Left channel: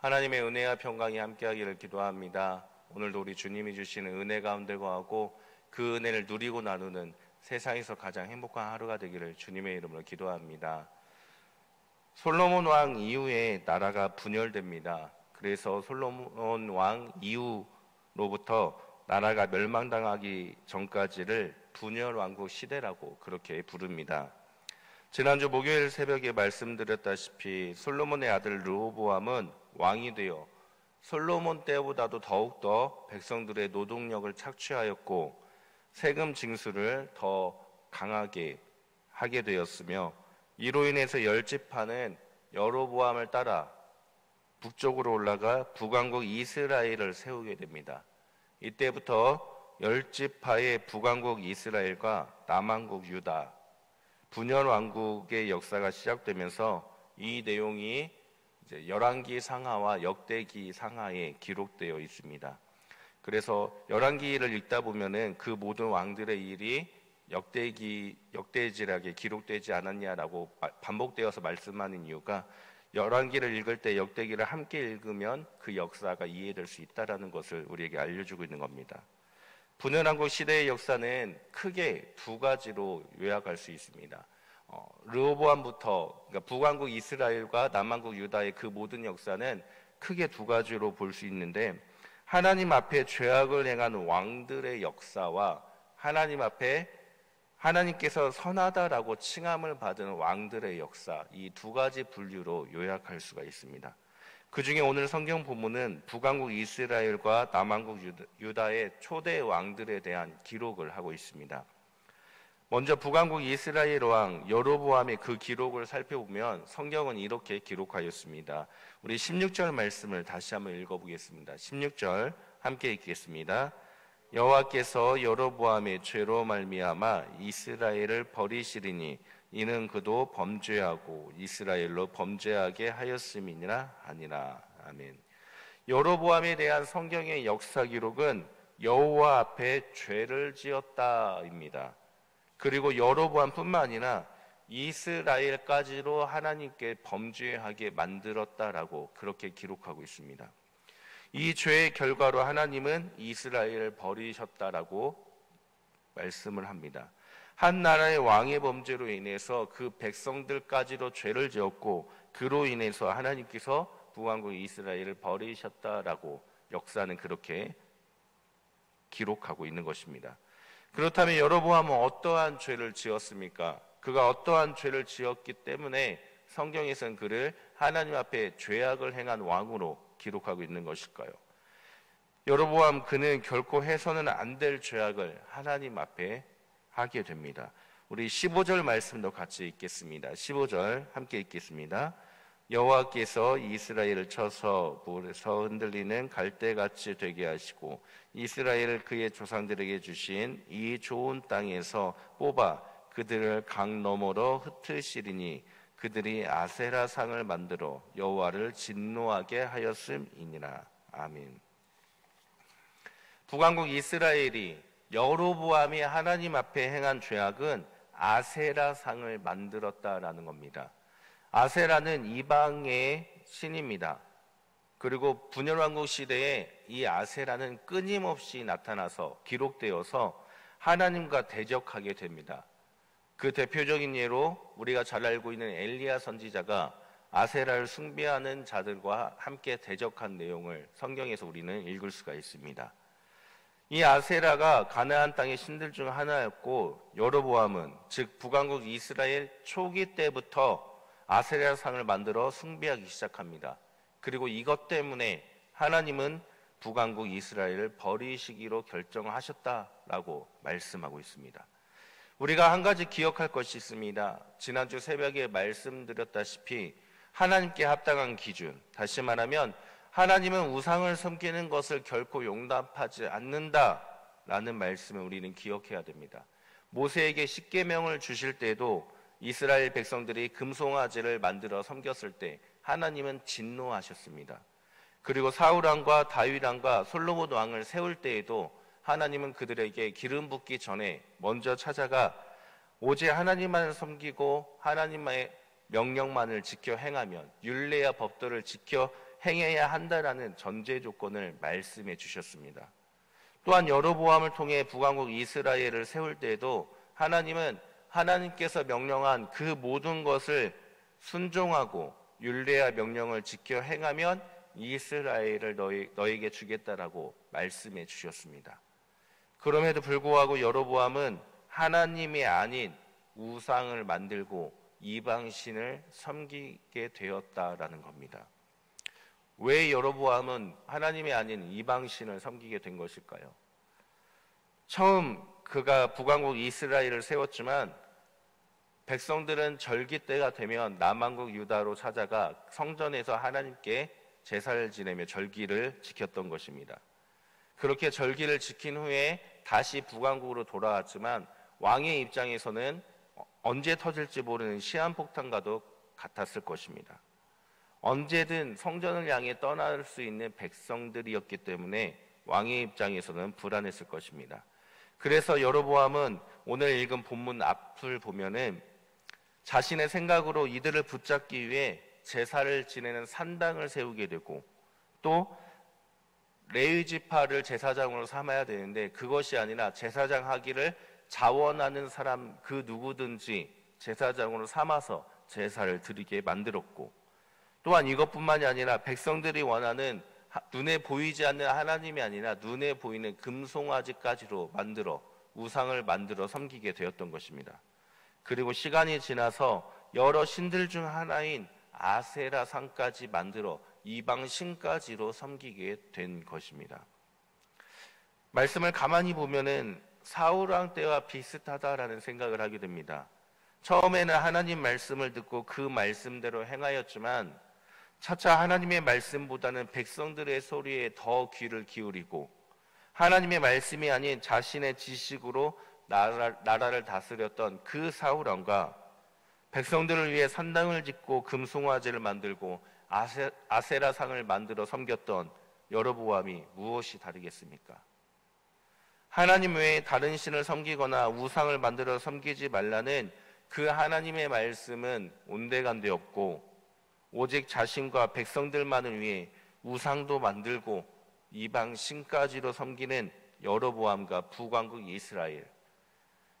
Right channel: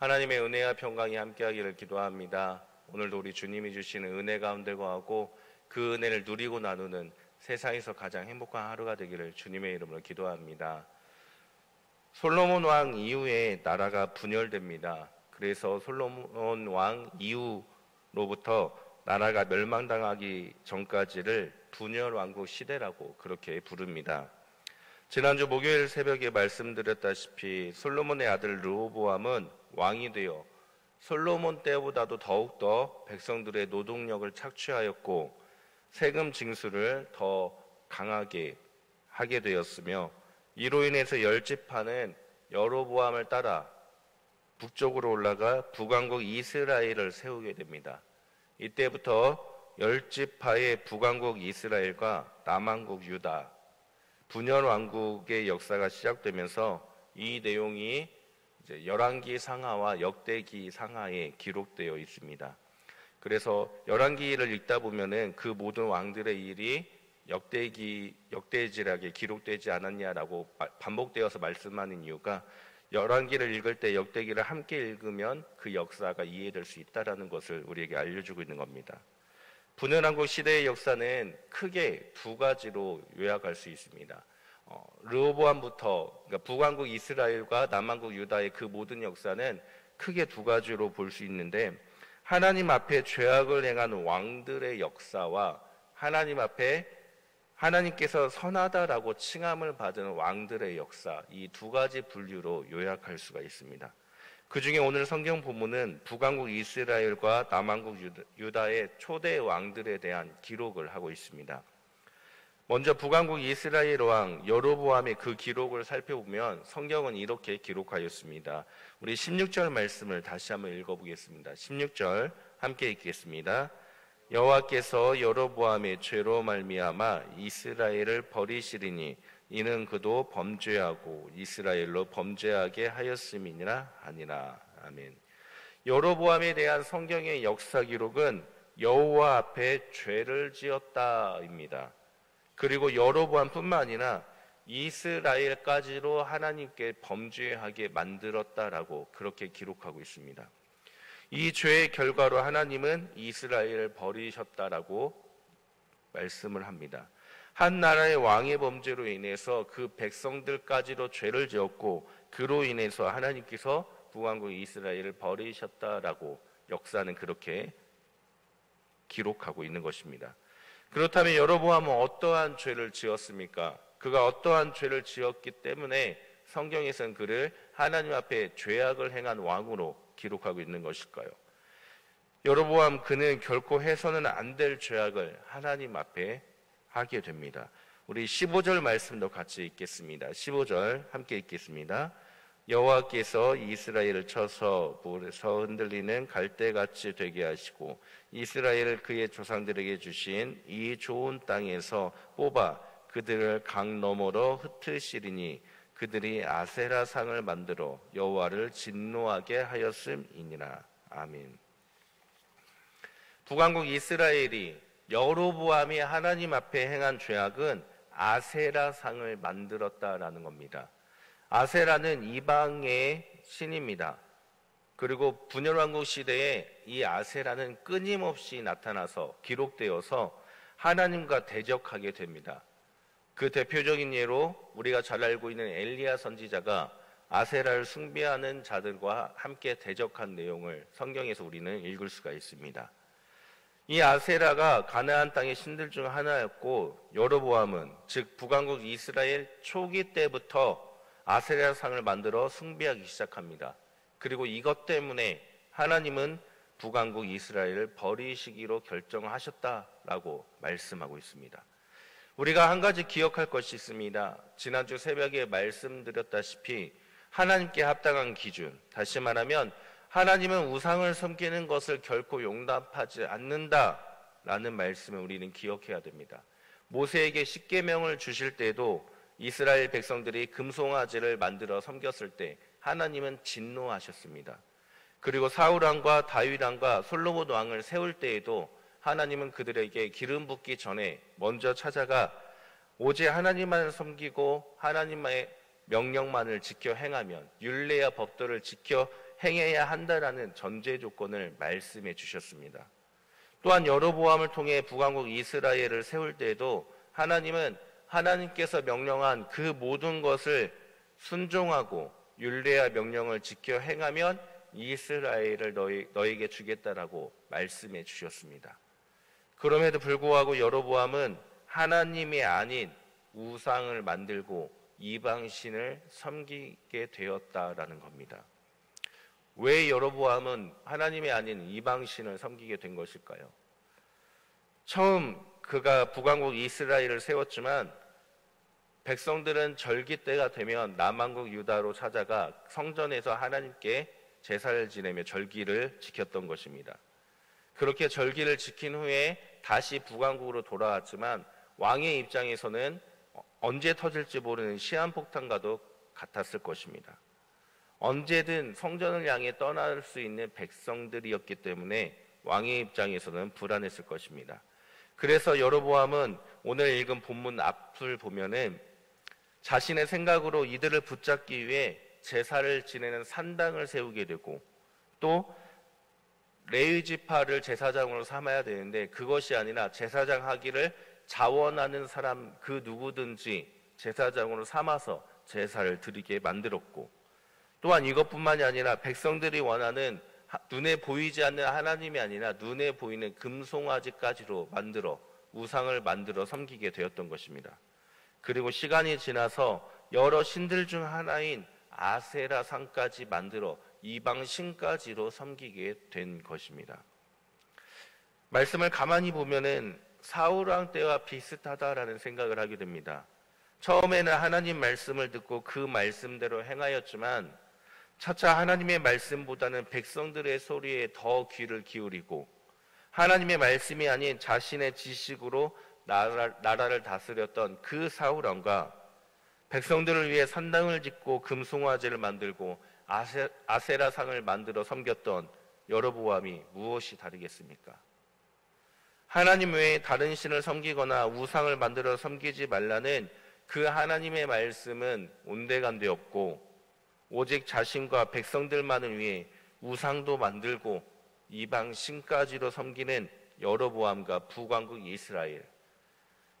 하나님의 은혜와 평강이 함께하기를 기도합니다. 오늘도 우리 주님이 주시는 은혜 가운데 거하고 그 은혜를 누리고 나누는 세상에서 가장 행복한 하루가 되기를 주님의 이름으로 기도합니다. 솔로몬 왕 이후에 나라가 분열됩니다. 그래서 솔로몬 왕 이후로부터 나라가 멸망당하기 전까지를 분열왕국 시대라고 그렇게 부릅니다. 지난주 목요일 새벽에 말씀드렸다시피 솔로몬의 아들 르호보암은 왕이 되어 솔로몬 때보다도 더욱더 백성들의 노동력을 착취하였고 세금 징수를 더 강하게 하게 되었으며, 이로 인해서 열지파는 여로보암을 따라 북쪽으로 올라가 북왕국 이스라엘을 세우게 됩니다. 이때부터 열지파의 북왕국 이스라엘과 남왕국 유다, 분열 왕국의 역사가 시작되면서 이 내용이 이제 열왕기 상하와 역대기 상하에 기록되어 있습니다. 그래서 열왕기를 읽다 보면은 그 모든 왕들의 일이 역대지락에 기록되지 않았냐라고 반복되어서 말씀하는 이유가, 열왕기를 읽을 때 역대기를 함께 읽으면 그 역사가 이해될 수 있다라는 것을 우리에게 알려주고 있는 겁니다. 분열왕국 시대의 역사는 크게 두 가지로 요약할 수 있습니다. 르호보암부터, 그러니까 북왕국 이스라엘과 남왕국 유다의 그 모든 역사는 크게 두 가지로 볼 수 있는데, 하나님 앞에 죄악을 행한 왕들의 역사와 하나님 앞에 하나님께서 선하다라고 칭함을 받은 왕들의 역사, 이 두 가지 분류로 요약할 수가 있습니다. 그 중에 오늘 성경 본문은 북왕국 이스라엘과 남왕국 유다의 초대 왕들에 대한 기록을 하고 있습니다. 먼저 북왕국 이스라엘 왕 여로보암의 그 기록을 살펴보면 성경은 이렇게 기록하였습니다. 우리 16절 말씀을 다시 한번 읽어보겠습니다. 16절 함께 읽겠습니다. 여호와께서 여로보암의 죄로 말미암아 이스라엘을 버리시리니 이는 그도 범죄하고 이스라엘로 범죄하게 하였음이니라 하니라. 아멘. 여로보암에 대한 성경의 역사 기록은 여호와 앞에 죄를 지었다입니다. 그리고 여로보암뿐만 아니라 이스라엘까지로 하나님께 범죄하게 만들었다라고 그렇게 기록하고 있습니다. 이 죄의 결과로 하나님은 이스라엘을 버리셨다라고 말씀을 합니다. 한 나라의 왕의 범죄로 인해서 그 백성들까지로 죄를 지었고, 그로 인해서 하나님께서 북왕국 이스라엘을 버리셨다라고 역사는 그렇게 기록하고 있는 것입니다. 그렇다면 여로보암은 어떠한 죄를 지었습니까? 그가 어떠한 죄를 지었기 때문에 성경에서는 그를 하나님 앞에 죄악을 행한 왕으로 기록하고 있는 것일까요? 여로보암 그는 결코 해서는 안 될 죄악을 하나님 앞에 하게 됩니다. 우리 15절 말씀도 같이 읽겠습니다. 15절 함께 읽겠습니다. 여호와께서 이스라엘을 쳐서 물에서 흔들리는 갈대같이 되게 하시고 이스라엘을 그의 조상들에게 주신 이 좋은 땅에서 뽑아 그들을 강 너머로 흩으시리니 그들이 아세라상을 만들어 여호와를 진노하게 하였음이니라. 아멘. 북왕국 이스라엘이 여로보암이 하나님 앞에 행한 죄악은 아세라상을 만들었다라는 겁니다. 아세라는 이방의 신입니다. 그리고 분열왕국 시대에 이 아세라는 끊임없이 나타나서 기록되어서 하나님과 대적하게 됩니다. 그 대표적인 예로 우리가 잘 알고 있는 엘리야 선지자가 아세라를 숭배하는 자들과 함께 대적한 내용을 성경에서 우리는 읽을 수가 있습니다. 이 아세라가 가나안 땅의 신들 중 하나였고, 여로보암은 즉 북왕국 이스라엘 초기 때부터 아세라상을 만들어 숭배하기 시작합니다. 그리고 이것 때문에 하나님은 북왕국 이스라엘을 버리시기로 결정하셨다라고 말씀하고 있습니다. 우리가 한 가지 기억할 것이 있습니다. 지난주 새벽에 말씀드렸다시피 하나님께 합당한 기준, 다시 말하면 하나님은 우상을 섬기는 것을 결코 용납하지 않는다라는 말씀을 우리는 기억해야 됩니다. 모세에게 십계명을 주실 때도 이스라엘 백성들이 금송아지를 만들어 섬겼을 때 하나님은 진노하셨습니다. 그리고 사울 왕과 다윗 왕과 솔로몬 왕을 세울 때에도 하나님은 그들에게 기름 붓기 전에 먼저 찾아가 오직 하나님만을 섬기고 하나님의 명령만을 지켜 행하면, 율례와 법도를 지켜 행해야 한다라는 전제 조건을 말씀해 주셨습니다. 또한 여로보암을 통해 북왕국 이스라엘을 세울 때에도 하나님은 하나님께서 명령한 그 모든 것을 순종하고 율례와 명령을 지켜 행하면 이스라엘을 너에게 주겠다라고 말씀해 주셨습니다. 그럼에도 불구하고 여로보암은 하나님이 아닌 우상을 만들고 이방신을 섬기게 되었다라는 겁니다. 왜 여로보암은 하나님이 아닌 이방신을 섬기게 된 것일까요? 처음 그가 북왕국 이스라엘을 세웠지만 백성들은 절기 때가 되면 남왕국 유다로 찾아가 성전에서 하나님께 제사를 지내며 절기를 지켰던 것입니다. 그렇게 절기를 지킨 후에 다시 북왕국으로 돌아왔지만 왕의 입장에서는 언제 터질지 모르는 시한폭탄과도 같았을 것입니다. 언제든 성전을 향해 떠날 수 있는 백성들이었기 때문에 왕의 입장에서는 불안했을 것입니다. 그래서 여로보암은 오늘 읽은 본문 앞을 보면은 자신의 생각으로 이들을 붙잡기 위해 제사를 지내는 산당을 세우게 되고 또 레위 지파를 제사장으로 삼아야 되는데 그것이 아니라 제사장 하기를 자원하는 사람 그 누구든지 제사장으로 삼아서 제사를 드리게 만들었고 또한 이것뿐만이 아니라 백성들이 원하는 눈에 보이지 않는 하나님이 아니라 눈에 보이는 금송아지까지로 만들어 우상을 만들어 섬기게 되었던 것입니다. 그리고 시간이 지나서 여러 신들 중 하나인 아세라 상까지 만들어 이방 신까지로 섬기게 된 것입니다. 말씀을 가만히 보면은 사울 왕 때와 비슷하다라는 생각을 하게 됩니다. 처음에는 하나님 말씀을 듣고 그 말씀대로 행하였지만 차차 하나님의 말씀보다는 백성들의 소리에 더 귀를 기울이고 하나님의 말씀이 아닌 자신의 지식으로 나라를 다스렸던 그 사울 왕과 백성들을 위해 산당을 짓고 금송아지를 만들고 아세라상을 만들어 섬겼던 여로보암이 무엇이 다르겠습니까? 하나님 외에 다른 신을 섬기거나 우상을 만들어 섬기지 말라는 그 하나님의 말씀은 온데간데 없고 오직 자신과 백성들만을 위해 우상도 만들고 이방 신까지로 섬기는 여로보암과 북왕국 이스라엘.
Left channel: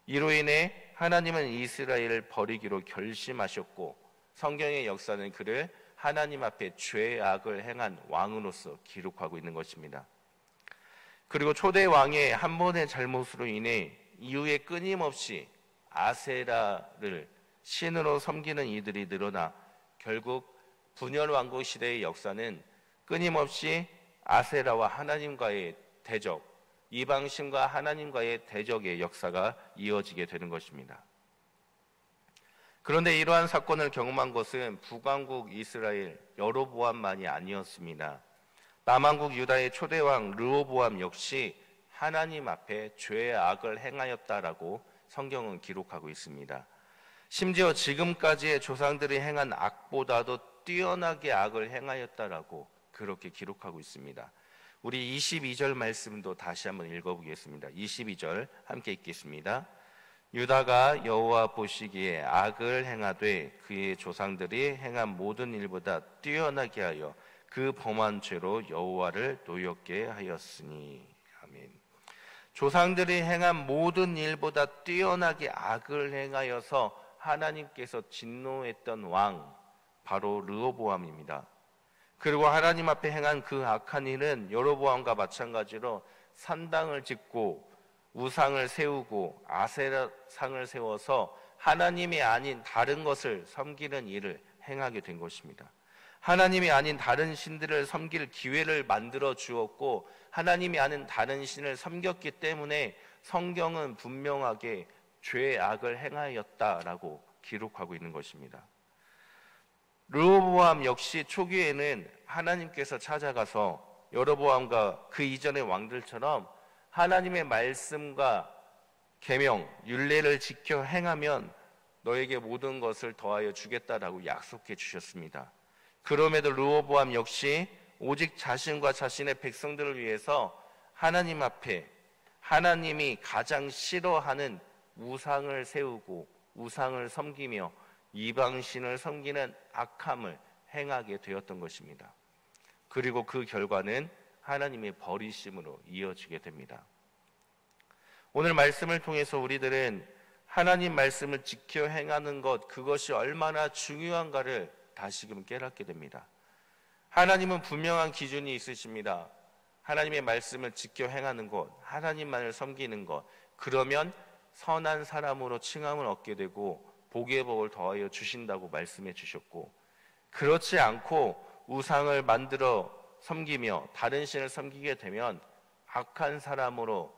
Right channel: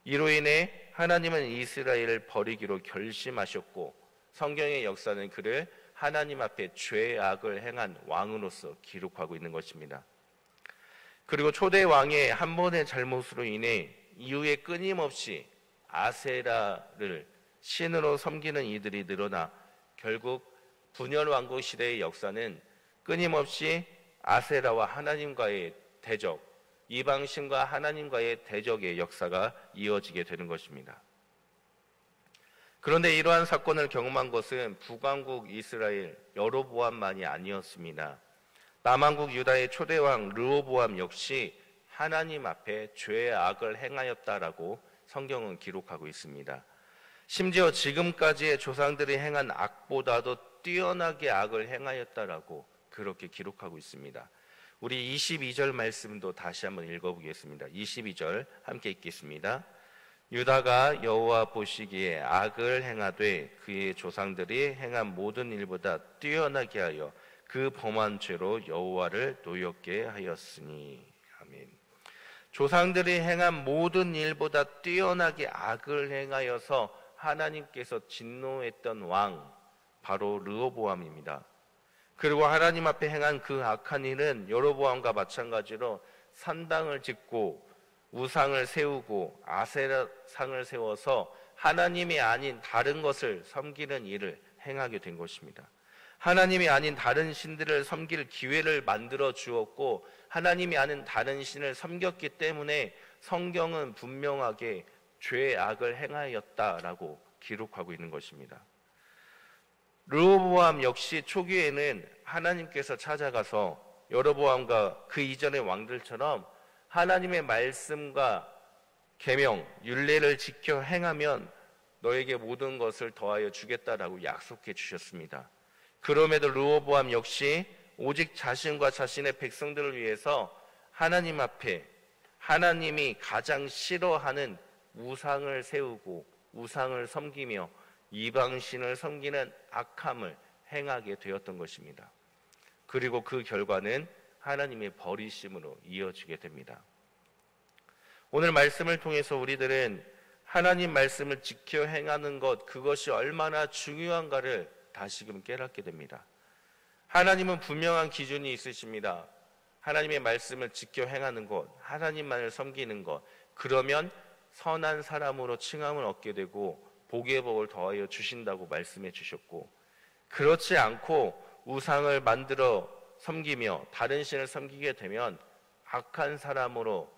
이로 인해 하나님은 이스라엘을 버리기로 결심하셨고 성경의 역사는 그를 하나님 앞에 죄악을 행한 왕으로서 기록하고 있는 것입니다. 그리고 초대 왕의 한 번의 잘못으로 인해 이후에 끊임없이 아세라를 신으로 섬기는 이들이 늘어나 결국 분열왕국 시대의 역사는 끊임없이 아세라와 하나님과의 대적, 이방신과 하나님과의 대적의 역사가 이어지게 되는 것입니다. 그런데 이러한 사건을 경험한 것은 북왕국 이스라엘 여로보암만이 아니었습니다. 남왕국 유다의 초대왕 르호보암 역시 하나님 앞에 죄악을 행하였다라고 성경은 기록하고 있습니다. 심지어 지금까지의 조상들이 행한 악보다도 뛰어나게 악을 행하였다라고 그렇게 기록하고 있습니다. 우리 22절 말씀도 다시 한번 읽어보겠습니다. 22절 함께 읽겠습니다. 유다가 여호와 보시기에 악을 행하되 그의 조상들이 행한 모든 일보다 뛰어나게 하여 그 범한 죄로 여호와를 노엽게 하였으니. 아멘. 조상들이 행한 모든 일보다 뛰어나게 악을 행하여서 하나님께서 진노했던 왕 바로 르호보암입니다. 그리고 하나님 앞에 행한 그 악한 일은 여로보암과 마찬가지로 산당을 짓고 우상을 세우고 아세라상을 세워서 하나님이 아닌 다른 것을 섬기는 일을 행하게 된 것입니다. 하나님이 아닌 다른 신들을 섬길 기회를 만들어 주었고 하나님이 아닌 다른 신을 섬겼기 때문에 성경은 분명하게 죄악을 행하였다라고 기록하고 있는 것입니다. 르호보암 역시 초기에는 하나님께서 찾아가서 여로보암과 그 이전의 왕들처럼 하나님의 말씀과 계명, 율례를 지켜 행하면 너에게 모든 것을 더하여 주겠다라고 약속해 주셨습니다. 그럼에도 르호보암 역시 오직 자신과 자신의 백성들을 위해서 하나님 앞에 하나님이 가장 싫어하는 우상을 세우고 우상을 섬기며 이방신을 섬기는 악함을 행하게 되었던 것입니다. 그리고 그 결과는 하나님의 버리심으로 이어지게 됩니다. 오늘 말씀을 통해서 우리들은 하나님 말씀을 지켜 행하는 것, 그것이 얼마나 중요한가를 다시금 깨닫게 됩니다. 하나님은 분명한 기준이 있으십니다. 하나님의 말씀을 지켜 행하는 것, 하나님만을 섬기는 것, 그러면 선한 사람으로 칭함을 얻게 되고 복의 복을 더하여 주신다고 말씀해 주셨고, 그렇지 않고 우상을 만들어 섬기며 다른 신을 섬기게 되면 악한 사람으로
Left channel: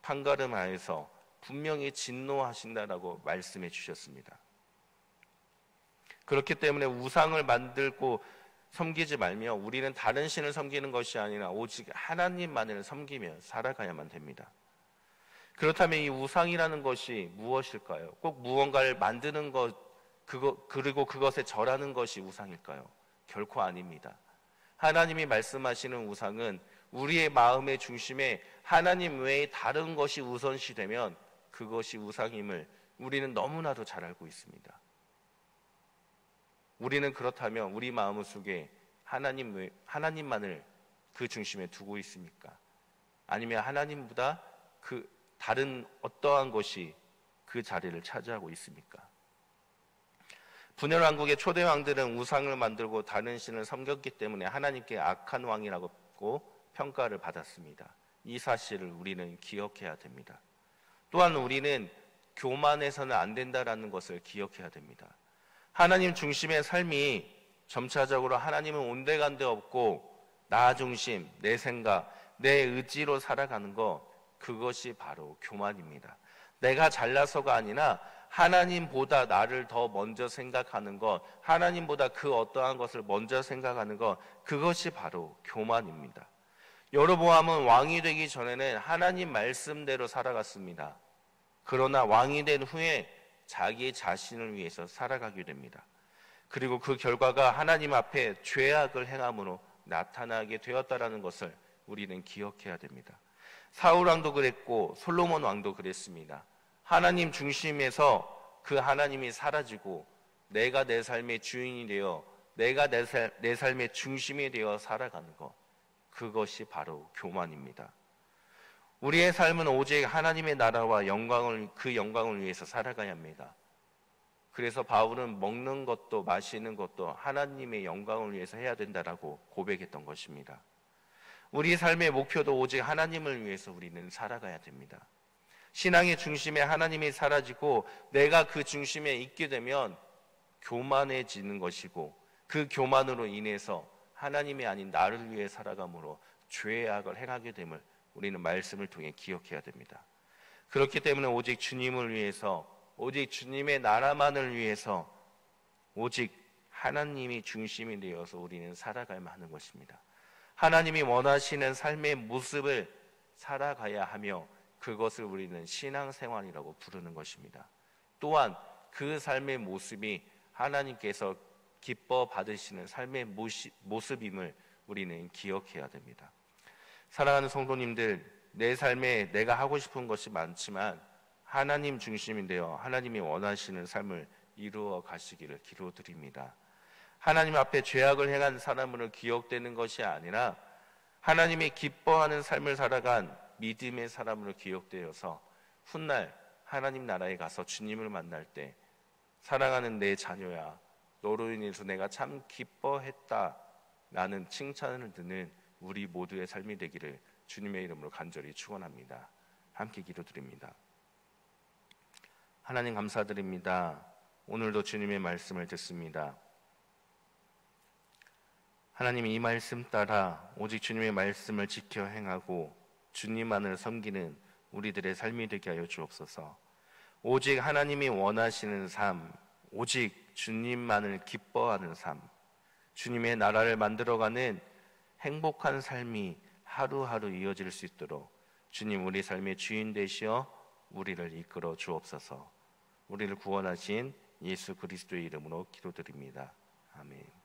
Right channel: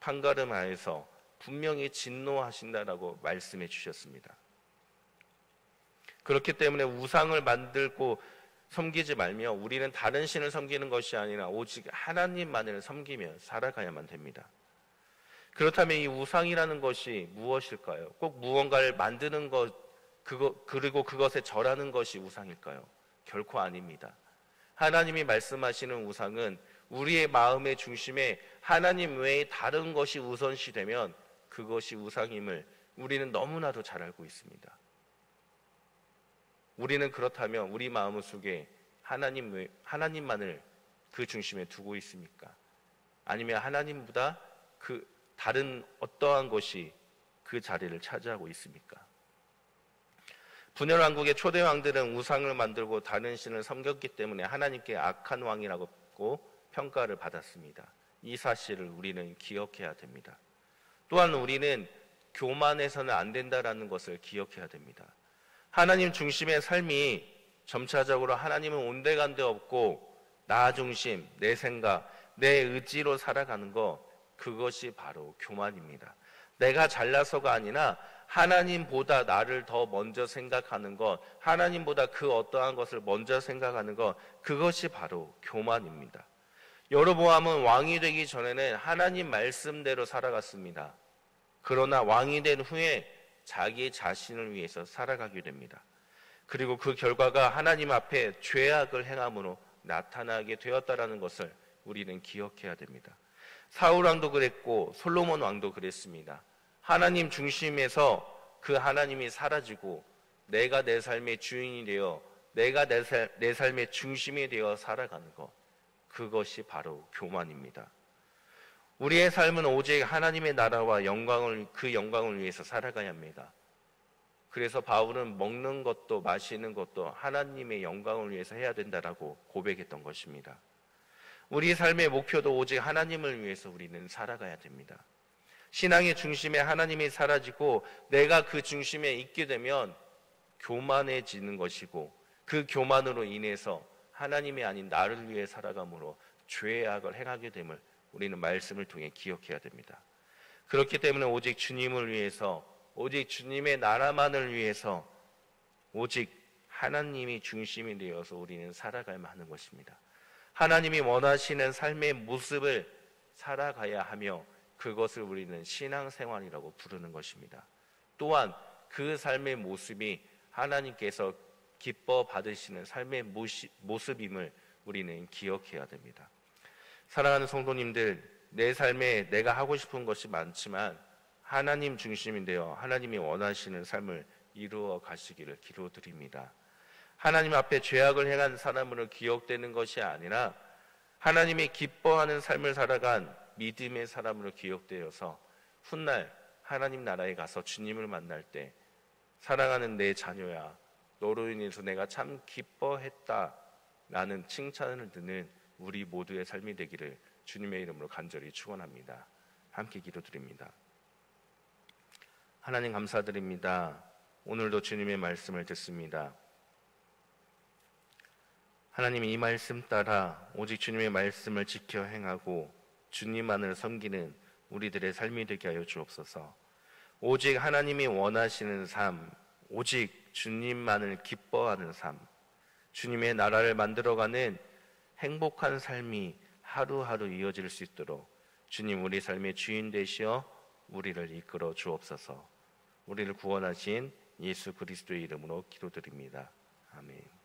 판가름하여서 분명히 진노하신다라고 말씀해 주셨습니다. 그렇기 때문에 우상을 만들고 섬기지 말며 우리는 다른 신을 섬기는 것이 아니라 오직 하나님만을 섬기며 살아가야만 됩니다. 그렇다면 이 우상이라는 것이 무엇일까요? 꼭 무언가를 만드는 것, 그리고 그것에 절하는 것이 우상일까요? 결코 아닙니다. 하나님이 말씀하시는 우상은 우리의 마음의 중심에 하나님 외에 다른 것이 우선시되면 그것이 우상임을 우리는 너무나도 잘 알고 있습니다. 우리는 그렇다면 우리 마음속에 하나님만을 그 중심에 두고 있습니까? 아니면 하나님보다 그 다른 어떠한 것이 그 자리를 차지하고 있습니까? 분열왕국의 초대 왕들은 우상을 만들고 다른 신을 섬겼기 때문에 하나님께 악한 왕이라고 평가를 받았습니다. 이 사실을 우리는 기억해야 됩니다. 또한 우리는 교만해서는 안 된다라는 것을 기억해야 됩니다. 하나님 중심의 삶이 점차적으로 하나님은 온데간데 없고 나 중심, 내 생각, 내 의지로 살아가는 것, 그것이 바로 교만입니다. 내가 잘나서가 아니라 하나님보다 나를 더 먼저 생각하는 것, 하나님보다 그 어떠한 것을 먼저 생각하는 것, 그것이 바로 교만입니다. 여로보암은 왕이 되기 전에는 하나님 말씀대로 살아갔습니다. 그러나 왕이 된 후에 자기 자신을 위해서 살아가게 됩니다. 그리고 그 결과가 하나님 앞에 죄악을 행함으로 나타나게 되었다라는 것을 우리는 기억해야 됩니다. 사울 왕도 그랬고 솔로몬 왕도 그랬습니다. 하나님 중심에서 그 하나님이 사라지고 내가 내 삶의 주인이 되어 내가 내 삶의 중심이 되어 살아가는 것, 그것이 바로 교만입니다. 우리의 삶은 오직 하나님의 나라와 그 영광을 위해서 살아가야 합니다. 그래서 바울은 먹는 것도 마시는 것도 하나님의 영광을 위해서 해야 된다라고 고백했던 것입니다. 우리 삶의 목표도 오직 하나님을 위해서 우리는 살아가야 됩니다. 신앙의 중심에 하나님이 사라지고 내가 그 중심에 있게 되면 교만해지는 것이고, 그 교만으로 인해서 하나님이 아닌 나를 위해 살아감으로 죄악을 행하게 됨을 우리는 말씀을 통해 기억해야 됩니다. 그렇기 때문에 오직 주님을 위해서, 오직 주님의 나라만을 위해서, 오직 하나님이 중심이 되어서 우리는 살아가야만 하는 것입니다. 하나님이 원하시는 삶의 모습을 살아가야 하며 그것을 우리는 신앙생활이라고 부르는 것입니다. 또한 그 삶의 모습이 하나님께서 기뻐 받으시는 삶의 모습임을 우리는 기억해야 됩니다. 사랑하는 성도님들, 내 삶에 내가 하고 싶은 것이 많지만 하나님 중심이 되어 하나님이 원하시는 삶을 이루어 가시기를 기도드립니다. 하나님 앞에 죄악을 행한 사람으로 기억되는 것이 아니라 하나님이 기뻐하는 삶을 살아간 믿음의 사람으로 기억되어서 훗날 하나님 나라에 가서 주님을 만날 때 사랑하는 내 자녀야, 너로 인해서 내가 참 기뻐했다 라는 칭찬을 듣는 우리 모두의 삶이 되기를 주님의 이름으로 간절히 축원합니다. 함께 기도드립니다. 하나님 감사드립니다. 오늘도 주님의 말씀을 듣습니다. 하나님, 이 말씀 따라 오직 주님의 말씀을 지켜 행하고 주님만을 섬기는 우리들의 삶이 되게 하여 주옵소서. 오직 하나님이 원하시는 삶, 오직 주님만을 기뻐하는 삶, 주님의 나라를 만들어가는 행복한 삶이 하루하루 이어질 수 있도록 주님, 우리 삶의 주인 되시어 우리를 이끌어 주옵소서. 우리를 구원하신 예수 그리스도의 이름으로 기도드립니다. 아멘.